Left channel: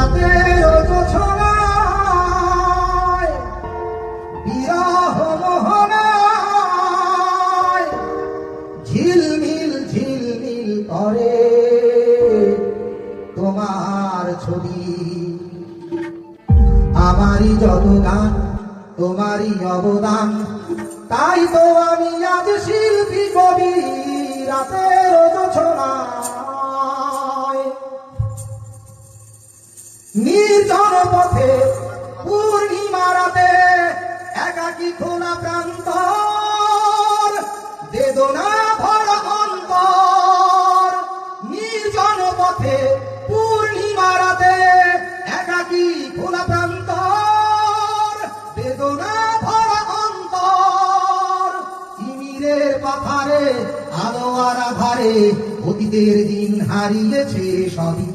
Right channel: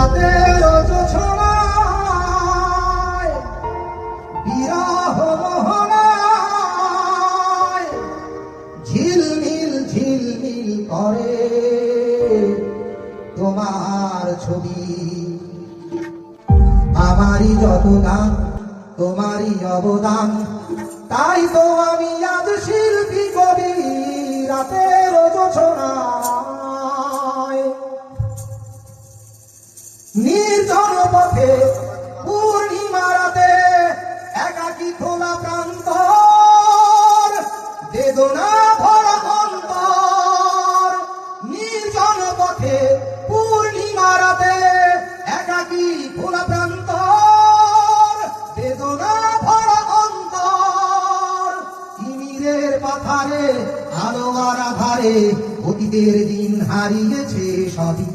রাতের জোছনায় বিরহ মোহনায় ঝিলমিল ঝিলমিল করে তোমার ছবি। আমারই যত গান তোমারই অবদান, তাই তো আমি আজ শিল্পী কবি। রাতের জোছনায় নির্জন পথে পূর্ণিমা রাতে একাকী খোলা প্রান্তর, বেদনা ভরা অন্তর। নির্জন পথে পূর্ণিমা রাতে একাকী খোলা প্রান্তর, বেদনা ভরা অন্তর। তিমিরের পাথারে আলো আর আধারে অতীতের দিন হারিয়েছে সবই।